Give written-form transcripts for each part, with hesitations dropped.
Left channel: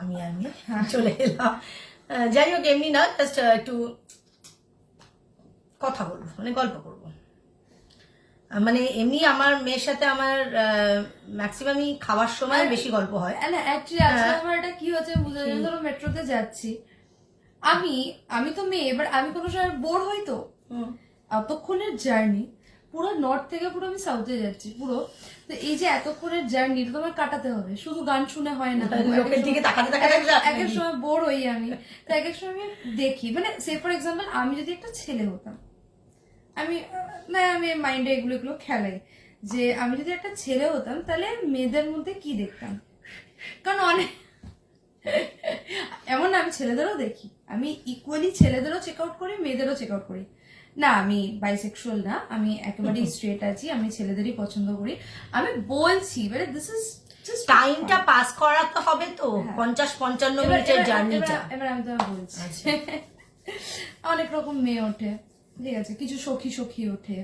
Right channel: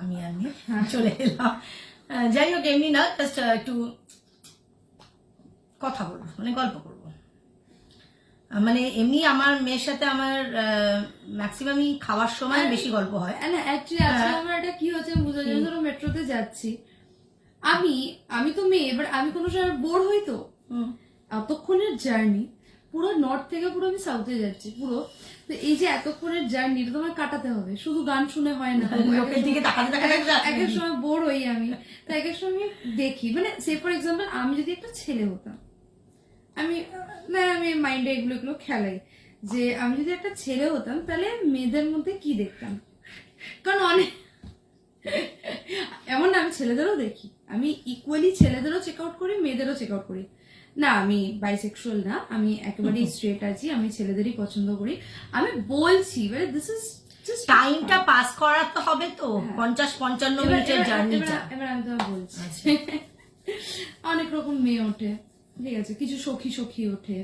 আমি চলে এলাম। যাই হোক, এমনি না, জাস্ট একটু কথা বলবো, মানে গল্প করবো। মানে এমনি আমার মেয়ের সাথে আমার ম্যাক্সিমামই খাওয়ার সময় বেশি গল্প হয়। না অ্যাকচুয়ালি আজকে আমার এটা কি হচ্ছে বুঝতে পারছি, ধরো মেট্রোতে যাচ্ছি, আমি তো মেয়ে, এবার আমি কোনো সময় বোর হই তো, এতক্ষণের জার্নি পুরো নর্থ থেকে পুরো আমি সাউথে যাচ্ছি পুরো, তো এই যে এতক্ষণের জার্নি এটা তোমার কাটাতে হবে, শুধু গান শুনে হয় না, এক এক সময় বোর হই আমি, তো এক এক সময় আমি দেখি, মানে সে ফর এক্সাম্পল আমি যদি একটা ছেলে হতাম, আমি মাইন্ডে এগুলো খেলাই যে আমি যদি একটা ছেলে হতাম তাহলে মেয়েদের মধ্যে কি দেখতাম, কারণ অনেক এমন আমি ছেলেদেরও দেখি, আমি ইকুয়ালি ছেলেদেরও চেক আউট করি, মেয়েদেরও চেক আউট করি। না আমি বাইসেক্সুয়াল না, আমি একেবারেই স্ট্রেট আছি, আমি ছেলেদেরই পছন্দ করি। আমি বলছি মানে দিস ইজ জাস্ট টাইমটা পাস করা তো হবে তো, 50-55 মিনিটের জার্নিটা। এবার আমি তোমায় বলছি অনেক রকম মেয়ে ওঠে, ঠিক আছে, কিছু সখী ওঠে,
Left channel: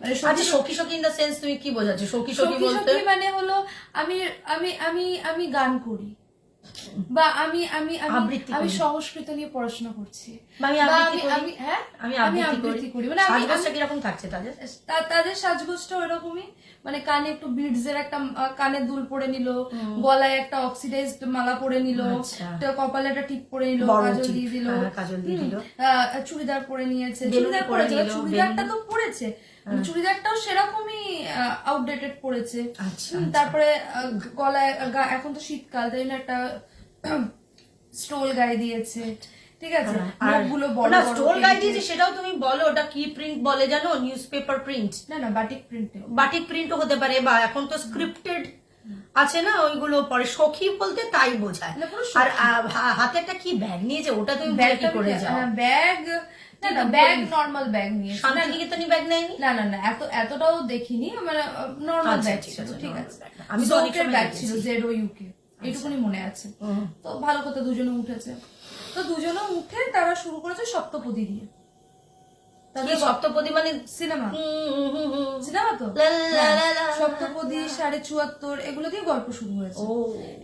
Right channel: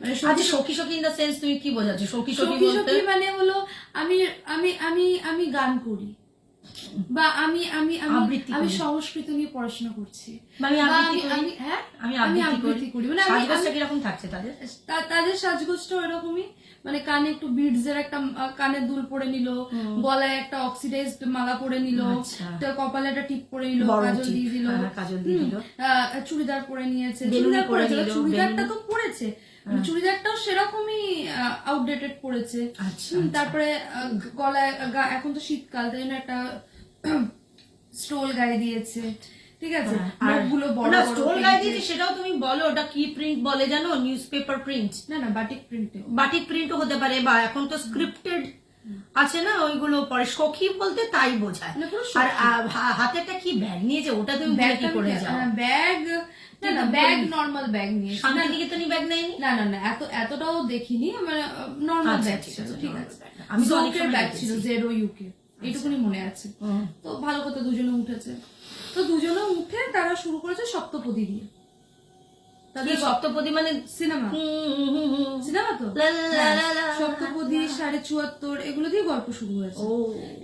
মানে সখী ইন দ্য সেন্স তুমি কি বোঝাচ্ছ? সখী মানে হলো আমি আমি আমি আমি গান করি, বা আমি আমি আমি আমি সংস্কৃত নিয়ে পড়াশোনা করছি, আমি আবৃত্তি করি, মানে সাজগোজটা কিরকম থাকছে তাদের সাজগোজটা ওইরকমই, মানে কানে একটু বিডস এর একটা কানের দুল পরে নিল, গলায় একটা অক্সিডাইজড মালা পরে নিল, কপালে একটা টিপ পরে নিল, কাজল দিয়ে দিল, চুড়িদার পরে নিয়েছে, চুড়িদারটা তো পরেছে, চুড়িদারটাও সেরকমই আউটডেটেড পড়েছে, তারপরে গলায় এখন তো শীতকাল তাই না একটা স্টোল গায়ে দিয়েছে, ঠিক আছে, মুখগুলো বড় বড় স্টোল গায়ে দিয়েছে, সেটাও তুমি বলো ওটা কি প্রিন্ট বলে জানো? Newspaper print? না বাটিক প্রিন্টও হতে পারে, বা এখন তো স্ক্রিপ্টেড আছে না, ওইগুলো পরে সখী বলতে তাই বোঝায়। আর হাতে একটা কি ব্যাগ নিয়েছে, ওটা তুমি কি করে যাও? ব্যাগ না ব্যাগ নরমাল ব্যাগ নিয়ে, শান্তিনিকেতনী ব্যাগ নেয়নি? না এতটাও দেখিনি, মানে নরমাল ব্যাগ ছিল, ঠিক আছে, আমি জোকের ব্যাগ ছিল জেডো ইউকে, এইটুকুনি মনে আছে। তো ভালো কথা, দুজনে উঠেছে, তো দুজনে উঠে তারা শুরু করেছে সপ্তপদী দিয়ে। তাদের সপ্তপদী মানে সিনেমা তো সপ্তপদী 74.5 এগুলো দিয়ে গল্প শুরু হয়েছে।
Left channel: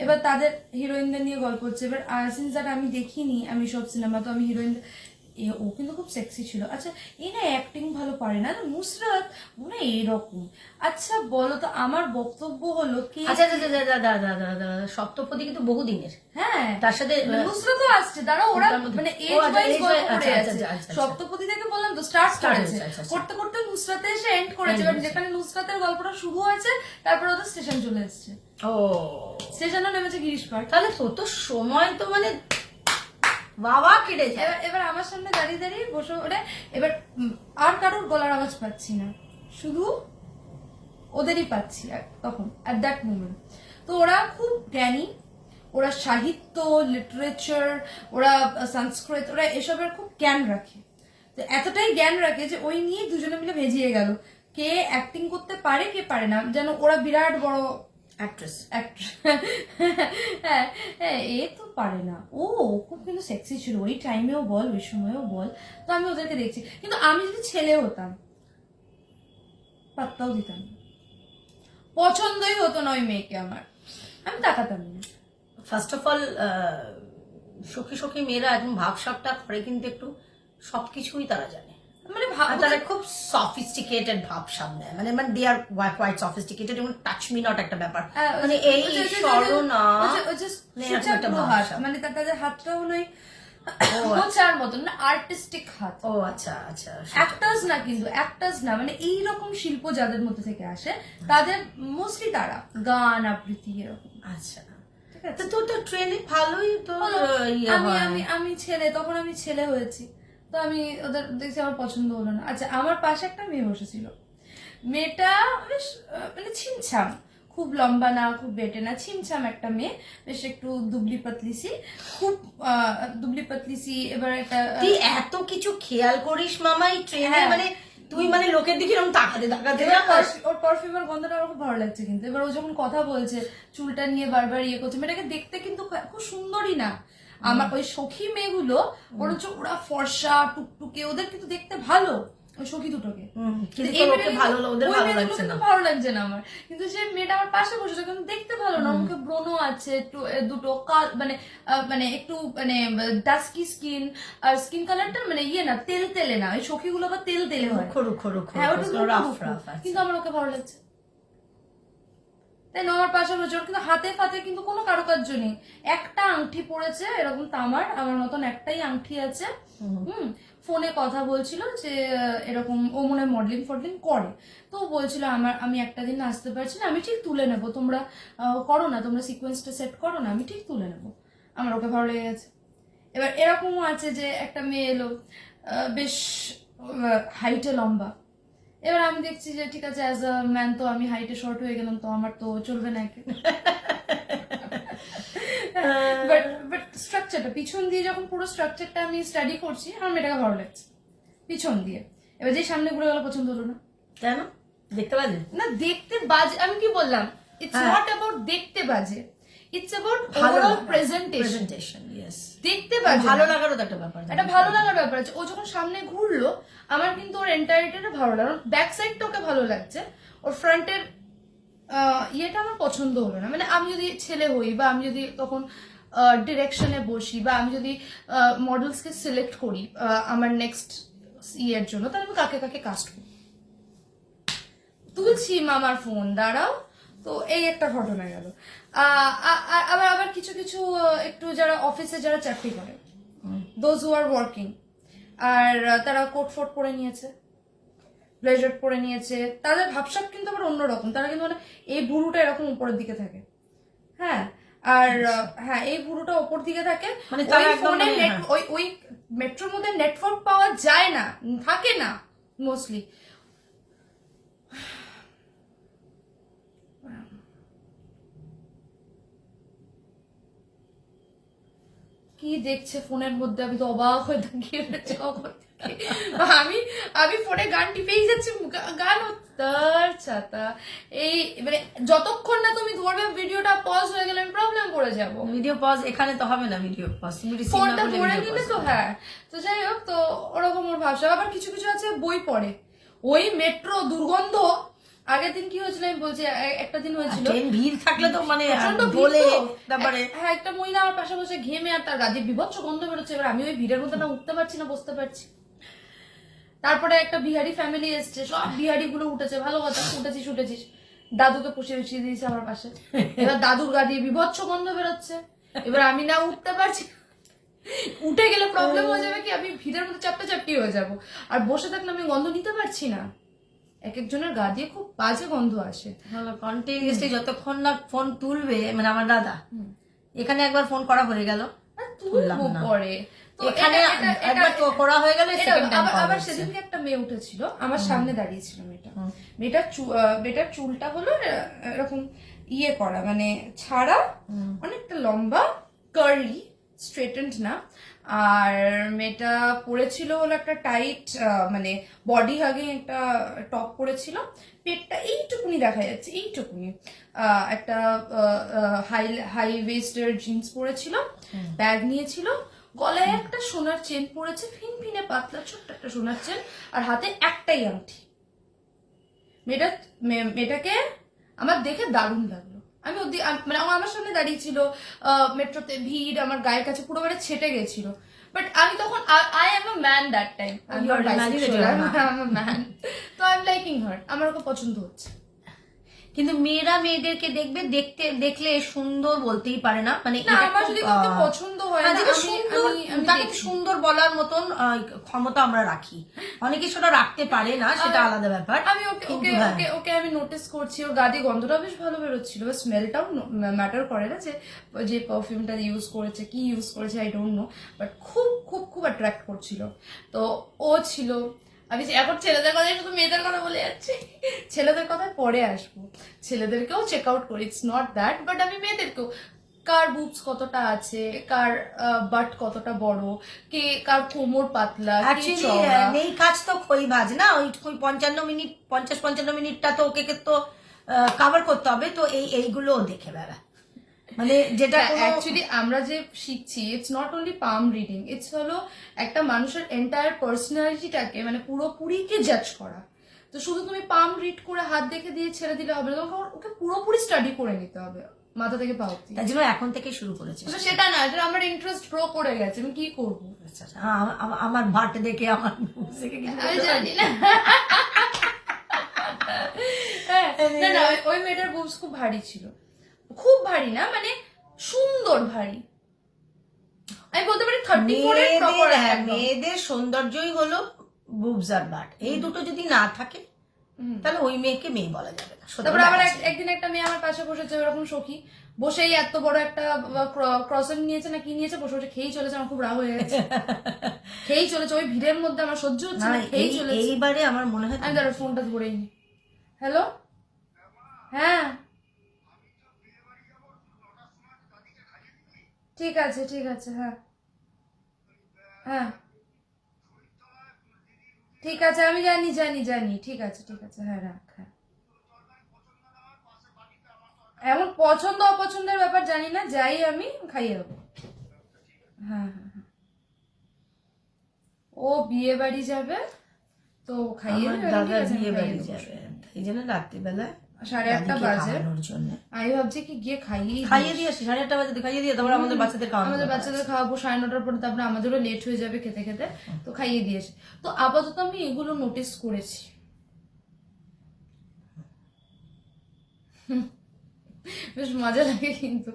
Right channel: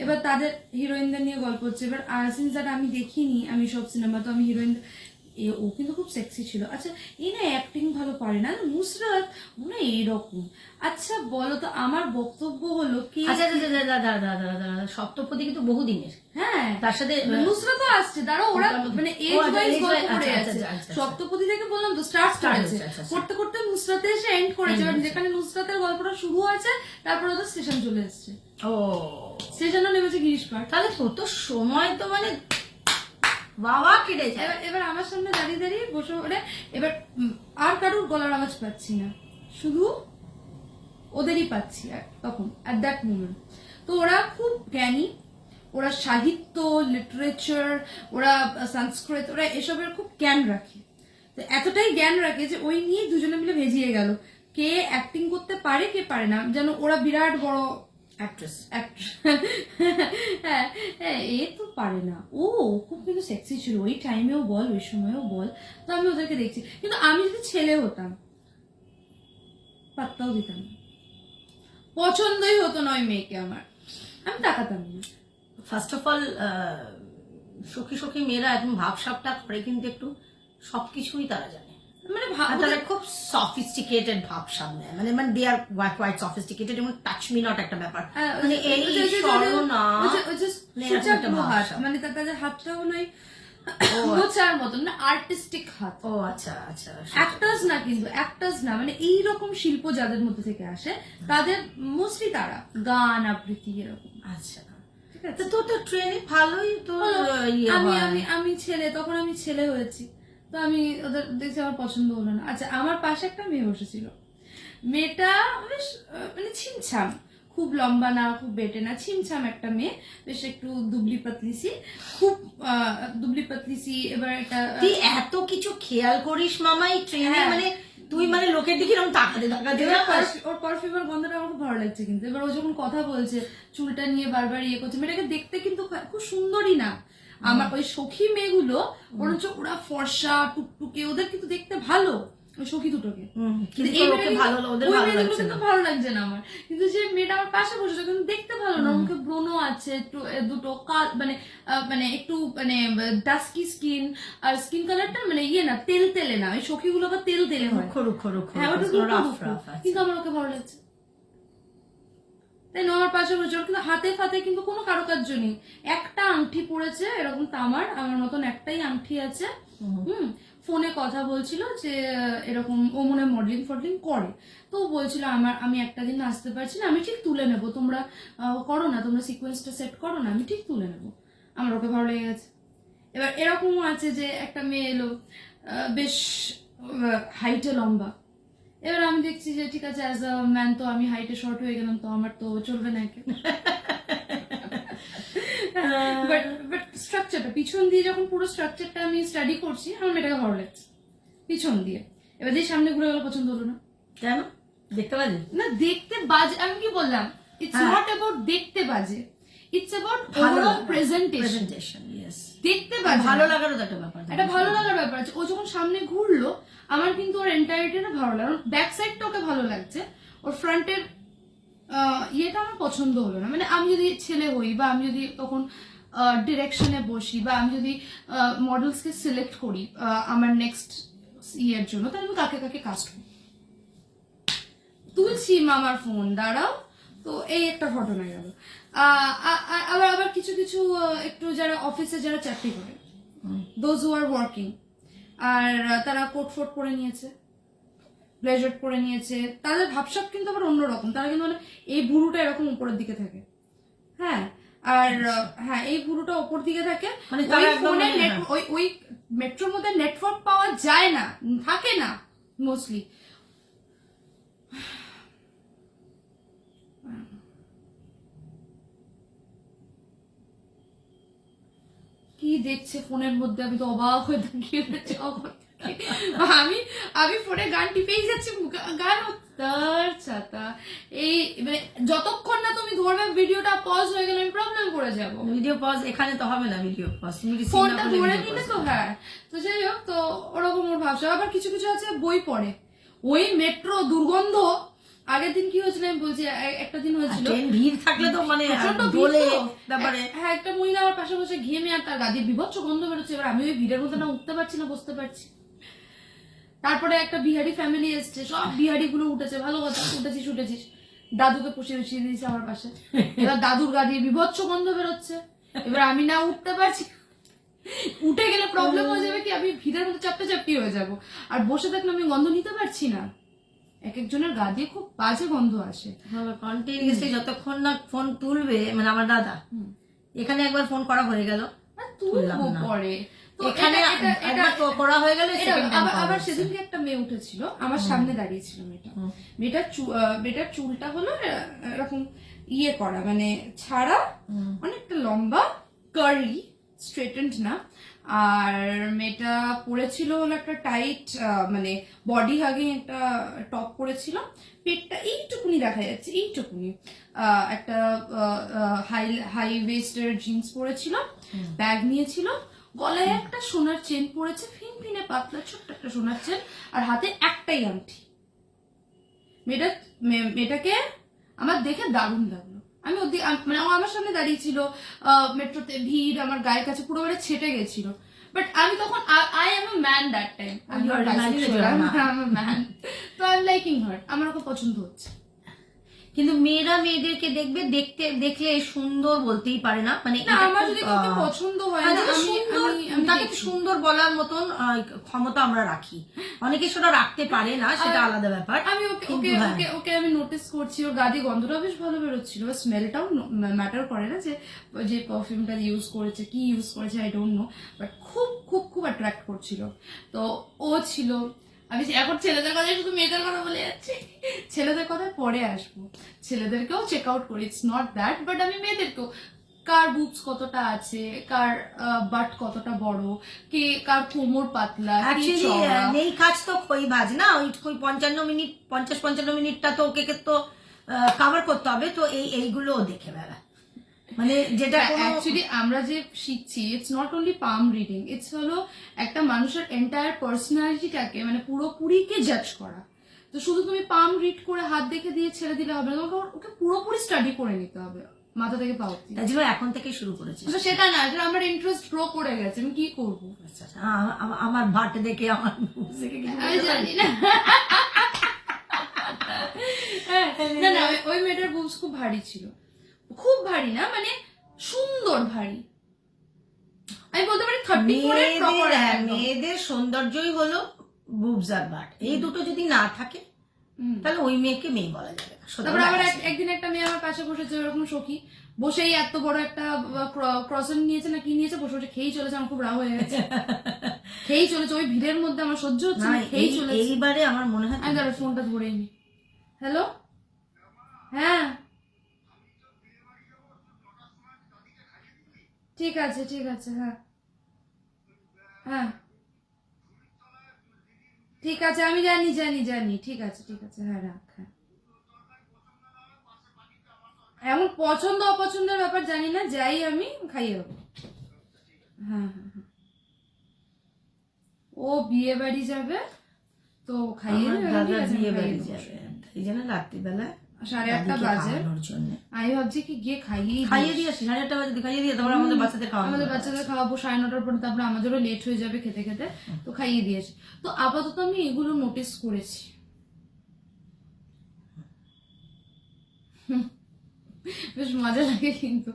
এবার তাদের হিরোইনদের নিয়ে গল্প হচ্ছে। এবার সিন্স দ্যাট আমি দেখিনি আমি সব সিনেমা, তো আমি হিরোইন, ও কিন্তু খুব সেক্সি ছিল। আচ্ছা এই না অ্যাক্টিং ভালো পারে না, নুসরাত মনে এইরকম। আচ্ছা বলো তো, আমার বক্তব্য হলো কি, সপ্তপদী কিন্তু বহুদিনের, হ্যাঁ তার সাথে নুসরাতও আসছে, তারা ওরা মানে এজ ওয়াইজ গল্প করে আছে। সপ্তপদী থেকে বললাম তো স্টার্ট করেছে, করতে করতে নুসরাতে এসে এন্ড করেছে। যেখানে নুসরাতের গল্পটা শুরু হয়েছে, তারপর ওদের স্টেশন চলে এসছে, স্টেশনও নেমেছে গিরিশ পাঠ। তাহলে তো সময় তো মানে বাবা কেটে যায়। এবার আমার সামনে দাঁড়িয়ে বসে ওরা, এবার আর কারোর গলার আওয়াজ পাচ্ছি না, শুধু ওদেরই পাচ্ছি আর তখন অ্যাট দ্যাট মোমেন্ট। তো ওরা খুব জ্ঞানী, ওরা সাহিত্য, লিটারেচার, ওরা সংস্কৃত, ওরা এসবের খুব জ্ঞান রাখে। তো এতটাই জ্ঞান রাখে যে ওই নিয়ে দুজনে মিলে ভেজিয়ে গেল, কে অ্যাক্টিং করতে পারে কে পারে না, যেন ওরা বিরাট বড় অ্যাক্ট্রেস। হ্যাঁ এ তো পারে না, ও খুব কিন্তু সেক্সি ছিল ওই টাইমেও বল ওই সময়ও বল। তো আমি ওদেরকে দেখছি, কিন্তু আমি যদি ছেলে হতাম পাত্তাও দিতাম না, পছন্দই হতো না ওই মেয়েকে আমার, আমি তাকাতাম না। ফার্স্ট অফ অল সখী মেয়েরা একদম ভাবসাবটা করে, কিন্তু একটু সবকিছুই তারা জানে, মানে তারা খুব সফিস্টিকেটেড ভাবসাব নেয়, মানে দে আর কোয়াইট সফিস্টিকেটেড, যেমন টাচ মি নট একটা ব্যাপার, মানে এই সরনা মানে তাদের হাতটা মনে হয় মোচার মতন না, আর্টিস্টিক হাত। ও আচ্ছা আচ্ছা, অ্যাক্টার্স না, কিন্তু অ্যাক্টার্স না, মানে এইরকম শিল্প যাদের মধ্যে থেকে আসে তাদের মোস্টলি তারা গান আবৃত্তি এরকম। আচ্ছা তো ট্রেনে ভালোই তো। আমি ছেলে, তখন আমি ছেলে হয়েছি, তো আমি ওদের দেখছি, আমার পছন্দ হলো না। আচ্ছা আমার পাশে একটা মেয়ে বসেছিল, মেয়েটা বেশ মানে ছিমছাম, খুব লম্বা না খুব বেটে না, ছিমছাম একটা মেয়ে, বেশ একটু দুবলি পাতলিসি, খুব দুবলি পাতলিসি। এবার এটা তুই এত কিছু খেয়াল করিস মামাই ট্রেনে, মানে তুই মানে লোকের দিকে এরকম তাকাতে ওর পারফিউমের গন্ধটা আমার খুব ভালো লাগছে। কিন্তু এবার ও যখন কথা বলছে, চুলটা নিয়ে বারবার ইয়ে করছে, মেয়েটাকে দেখতে কিন্তু খুব সুন্দরী না। আমার ওই সখী মেয়েগুলো বরঞ্চ ওরা ফর্সা টুকটুকে, ওদের কিন্তু দেখতে ভালো, ওই সখী দুটোকে। কিন্তু এই ওকে ভালো ওদের ওই ভালো মেয়ে দুটো লাগছে কিন্তু না। ভালো লাগছে না আমার, কিন্তু যে মেয়েটা আমার পাশে বসেছে কিন্তু দেখতে ভালো না, ওর মুখে ব্রণ আছে একটু, দুটো মানে মানে একটু মানে ডাস্কি স্কিন, আর স্কিন কালারটা মানে ইয়ে না, তেল তেলে না, ওই সখীগুলো আবার তেল তেলে হয়, রুখো রুখো রুখো হ্যাঁ ওটা দুটো রাফ রুখো, রাফ আছে। কিন্তু আমার ওকে ভালো লাগছে। তাই না, আমার পাশে বসে, ওর কিন্তু হাতে ফাতে কিন্তু কোনো কারুকার্য নেই, একটা আংটি পরেছে এরকম তামার, আমার মতন একটাই আংটি আছে। ফোনে কথা বলছিল যে এরকম ও মনে মডেলিং ফডলিং করে, তো ও বলছিল আমি একটা দিন আসতে পারছি না, আমি ঠিক তুলে নেবো, তোমরা করো না, তোমরা সিকোয়েন্সটা সেট করো না, আমি ঠিক তুলে নেবো। আমার ওকে ভালো লেগে গেছে। এবার এরকমও আছে যে একটা মেয়ে এলো বেশ হাইটে লম্বা, এবার আমি দেখছি যে ঠিক আছে অ্যাজ আ ম্যান তো আমি হাইটে শর্ট হয়ে গেলাম, তো আমার তো চলবে না একে। বাট স্ট্রাকচারটা পিছন দিয়ে যখন পুরো স্ট্রাকচারটা আমি স্টাডি করছি, আমার মেয়েটাকে ভালো লাগছে পিছন দিয়ে। এবার যে সামনে ঘুরে গেল পছন্দ হলো না। কেন? দেখতে বাজে না দেখতে বাজে, আমি কি বললাম, ইটস নট অ্যাবাউট দেখতে বাজে, ইটস অ্যাবাউট ওভারঅল প্রেজেন্টেশন। দেখতে বাজে, ভালো লাগারও তো একটা ব্যাপার, এটা ভালো লাগার ব্যাপার আছে। ও যখন সামনে ঘুরলো আমার কিন্তু ওর এন্টায়ারিটিটা ভালো লাগলো, ব্যাক সাইডটা ওকে ভালো লাগছে, ওর ফ্রন্টের ইয়েটা আমার পছন্দ হলো না। মানে আমি যদি ছেলে হই বা আমি যদি তখন ডিরেকশনে বসি বা আমি যদি মডেলসকে সিলেক্ট করি আমার নেক্সট ইয়ের জন্য, তাহলে আমি কাকে কাকে কাস্ট করি। তুলছি মামার ফোন দাঁড়াও, তো এই একটা ঘটনা গেল। আবার আবার কিছু কিছু একটু যারা অফিসে যারা চাকরি করে, দোজ হু আর ওয়ার্কিং, আর তারা কোট ফোট পরে নিয়েছে, ব্লেজার পরে নিয়েছে, তাদের ভাবসাব কিন্তু আবার অন্যরকম, তারা কিন্তু মানে এই ভুরুটা এরকম উপরের দিকে থাকে, হ্যাঁ, আর হ্যাঁ এই ভুরুটা উপর দিকে থাকে, মানে ওই মেট্রোর মধ্যে নেটওয়ার্ক পাওয়া যায় না, থাকে না মোস্টলি। কি দেখছে ফোনের মধ্যে, আমি তো অবাক হয়ে তাকিয়ে আমি ফোনে গান টিপেই যাচ্ছি, গান তার ছাতা, এই মানে যতক্ষণ না তুমি ধরবে ভিডিওটা পজ হয়ে গেলে আমি প্রবলেম করে যাবো। ভিডিও পজ এখানে তো হবে না, ভিডিও পজ ফোনটা ধরে নিলে তো, হ্যাঁ। তো যাই হোক, তো ওরকম ওর ভাবসা। আবার কিছু কিছু আছে বই পড়ে, ওই মেট্রো দুর্গন্ধ। আগের দিন কি হয়েছিল আমি বলছি, একটা দিন হয়েছিল ভিড় থাকলে তো মানে তারপরে হ্যাঁ একটা মহিলা আমার পাশে বসে ঘেমে আর তার গাদির বিভৎস গন্ধ বেরোচ্ছে, এবার আমি ওই ভিড়ের মধ্যে না উঠতে পারছি না বসতে পারছি। তারপরে একটা বিহারি ফ্যামিলি এসছে, সব বিহারি গুলো উঠেছে, ভালো কথা, উঠেছিস, দাদুকে বসিয়ে দিয়েছে আমার পাশে, এবার দাদুর গাদির বিভৎস গন্ধ বেরোচ্ছে, এবার আমি না উঠতে পারছি, উঠে গেলে প্রবলেম হয়ে যাবে কি, আমি ভিড়ের মধ্যে চাপটি হয়ে যাব, আর বসে থাকলে আমি গন্ধ নিতে পারছি না। এক একজনের গা দিয়ে খুব বাজে গন্ধ আসে কন্টিনিউসলি যতক্ষণ না ফোন তুলবে। মানে আমার দাদা এখানে একবার ফোন করা হয়ে গেল, তুলবো পরে, এখানে একবার করা হয়ে গেল, আবার সেদিনকে একটা মেয়ে উঠেছিল আমার সামনে দাঁড়িয়েছিল, মেয়েটার চুলটা হলো এরকম ইয়ে করা, মানে ছাড়া, অনেকটা লম্বা, কার্লি, স্ট্রেটেন্ড না, আর মেয়েটা পরেছিল হলো একটা টাইট মানে বডি হাগিং একটা টপ পরেছিল, পেটটা এইটুকুনি দেখা যাচ্ছে, এইটুকুনি, একটা হাই ওয়েস্টের জিন্স পরেছিল, ব্যাগ নিয়েছিল, গলায় একটা সোনার চেন পরেছে, ফিনফিনে পাতলা ছোট্ট একটা সোনার চেন, আর হাতে একটাই আংটি। মেয়েটাকে আমার দেখে দারুণ লাগলো। আমি মানে আমার সামনে দাঁড়িয়ে ছিল, মেট্রোতে ভিড়, আমার গায়ের কাছে পুরো মানে ছেটে গেছিল, বাট আমি তখন I am a man that time, তো আই এম লাইকিং হার, আমার ওকে পছন্দ হচ্ছে। কিন্তু মেয়েরা মেয়েদেরকে দেখলে সুন্দর বলতেই পারে না, মানে আমার যদি পছন্দ হয় তাকে সুন্দর বলার মতন ক্ষমতা আমরা রাখি, অনেকে সেটা রাখতে পারে না, সেটা আলাদা ব্যাপার। আমি ওকে আমি নোটিস করছি, ওর গাদি গন্ধটাও বেশ ভালো বেরোচ্ছিল, স্মেলটাও ম্যাটার করে না, যে পারফিউমটা ইউজ করেছে, কি ইউজ করেছে আই ডোন্ট নো, বাট খুব খুব খুব অ্যাট্রাক্ট করছিল। তো ও ছিল, আমি এখন ছেলেদের কথায় শুধু মেয়েদের কথা বলে যাচ্ছি, ছেলেদের কথায় পরে আসবো, ছেলেদেরকেও চেক আউট করি, ইটস নট দ্যাট, বাট আমি মেয়েদেরকেও, কার বুবস কতটা আছে, কার বাট কতটা বড়, কে কার কোমর পাতলা, এই কাজ তো খইবাজ না, ওই 50-55 মিনিটটা তো ওকে তো কভার করতে হবে, তো এইগুলো দেখে বেড়া, মানে যেটা অ্যাকচুয়ালি আমরা যে শিখছি it's not only palm reading, it's হলো একটা মানুষের এন্টায়ার পার্সোনালিটিটাকে মানে পুরোপুরিকে জাজ করা। তো শুধু তুমি পাম রিড করে হাত দেখে দিয়ে ছেড়ে দিলে হবে না, তোমাকে ওকে পুরোপুরি স্টাডি করে নিতে হবে মাথা থেকে পা অবধি। তাই জন্য এখন থেকে শুরু করেছি। সেটা না যে আমার ইন্টারেস্ট গ্রো করে গেছে, আমি কি করবো? আমার ভাট দেখে আমার আমি জানি না। না না, ওই মেয়েটার বুবস খুব ভারী ছিল, খুব ভারী না মানে সুন্দর ভারী। আমি বলতে পারি 34 এর প্রপার। মেয়েদের সৌন্দর্যই হলো বুবস আর বাট, এই দুটো যদি না থাকে তাহলে ওই মেয়েকে মেয়ে বলা যাবে না। তারপরে আবার একদিন একটা মেয়ে আমার পাশে বসেছে ওরকম সখী, বসেই এত বড় একটা ক্রসেন নিয়েছে না কি নিয়েছে, বসে বসে খেয়েই চলেছে। আমার খুব রাগ হয়ে গেছে, খেয়েই চলেছে ওই ভিড়ের মধ্যে, আমার সহ্য হচ্ছে না, খেয়েই চলেছে। এইবারে আমার মনে হয় আমি দাঁড়া ফোনটা ধরেই নি। হ্যালো, হ্যাঁ ঠিক আছে ঠিক আছে, হ্যাঁ হ্যাঁ ঠিক আছে, আমি জানি জানি জানি, ঠিক আছে ঠিক আছে, হ্যাঁ রাখ। হ্যাঁ এমন পছন্দ অপছন্দের ব্যাপার জানি না, যাই আমি খাইয়ে দেবো। হ্যাঁ হ্যাঁ হ্যাঁ, ও বিয়ে বাড়ি যাবে তো খাইয়ে দেবো। দাদা বিয়ে বাড়ি যাবে, এই জন্য রাত্রিবেলা 1:30 বাজে, জন্য আমি ভাবছি কি গিয়ে খাইয়ে দিয়ে আসি, 8:30 বাজে খাইয়ে দিয়ে তারপর আমাদের বাচ্চাদের খাওয়াবো, আমাদের বাচ্চাদের খাওয়াবো 9:30 পরে, তারপরে আমাদেরও লেট হয়ে যাবে খেতে খেতে, তো খাইয়ে দিয়েছি। তো আপাতত আমি এগুলো নোটিস করেছি। বেশ মজা লাগে কিন্তু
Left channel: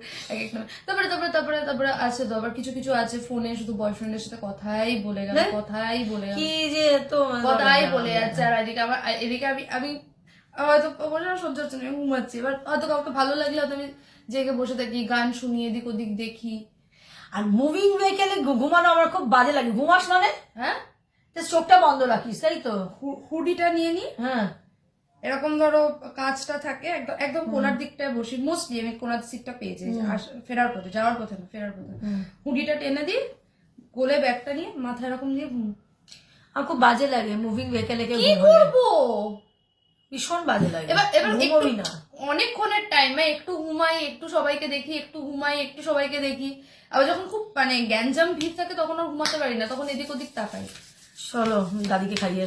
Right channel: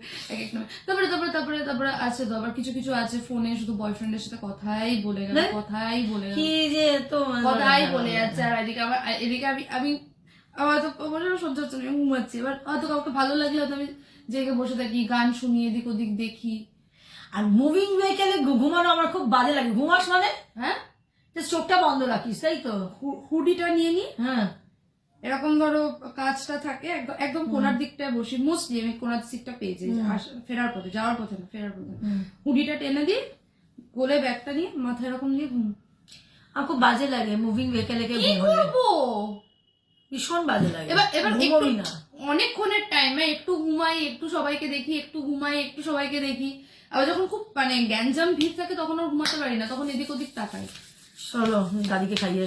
তারপরে তারপরে তারপরে তারপরে আছে তো আবার কিছু কিছু আছে ফোনে শুধু বয়ফ্রেন্ডের সাথে কথাই বলে গেল, কথাই বলে কি যে তো কথাই বলে যাচ্ছে। আর এদিকে আমি হয়তো সহ্য হচ্ছে না, আমি ঘুমাচ্ছি। এবার হয়তো কাউকে ভালো লাগলে হয়তো আমি জেগে বসে থাকি, গান শুনি, এদিক ওদিক দেখি। আর মুভিং ভেহিকেলে ঘুমানো আমার খুব বাজে লাগে। ঘুমাস মানে হ্যাঁ চোখটা বন্ধ রাখিস, তাই তো? হুডিটা নিয়ে নি, হ্যাঁ এরকম ধরো কাজটা থাকে একদম কোনার দিকটায় বসি, মোস্টলি আমি কোনার সিটটা পেয়েছি ফেরার পথে, যাওয়ার পথে না ফেরার পথে। হুডিটা টেনে দিই, কোলে ব্যাগটা নিয়ে মাথায় এরকম দিয়ে ঘুম। আমার খুব বাজে লাগে মুভিং ভেহিকেলে কি করবো, ভীষণ বাজে লাগে। এবার ঘুমোবি না অনেকক্ষণের টাইমে একটু ঘুমাই, একটু সবাইকে দেখি, একটু ঘুমাই, একটু সবাইকে দেখি। আবার যখন খুব মানে গ্যাঞ্জাম ভিড় থাকে তখন আর ঘুমাতে পারি না, তখন এদিক ওদিক তাকাই। চলো দাদিকে খাইয়ে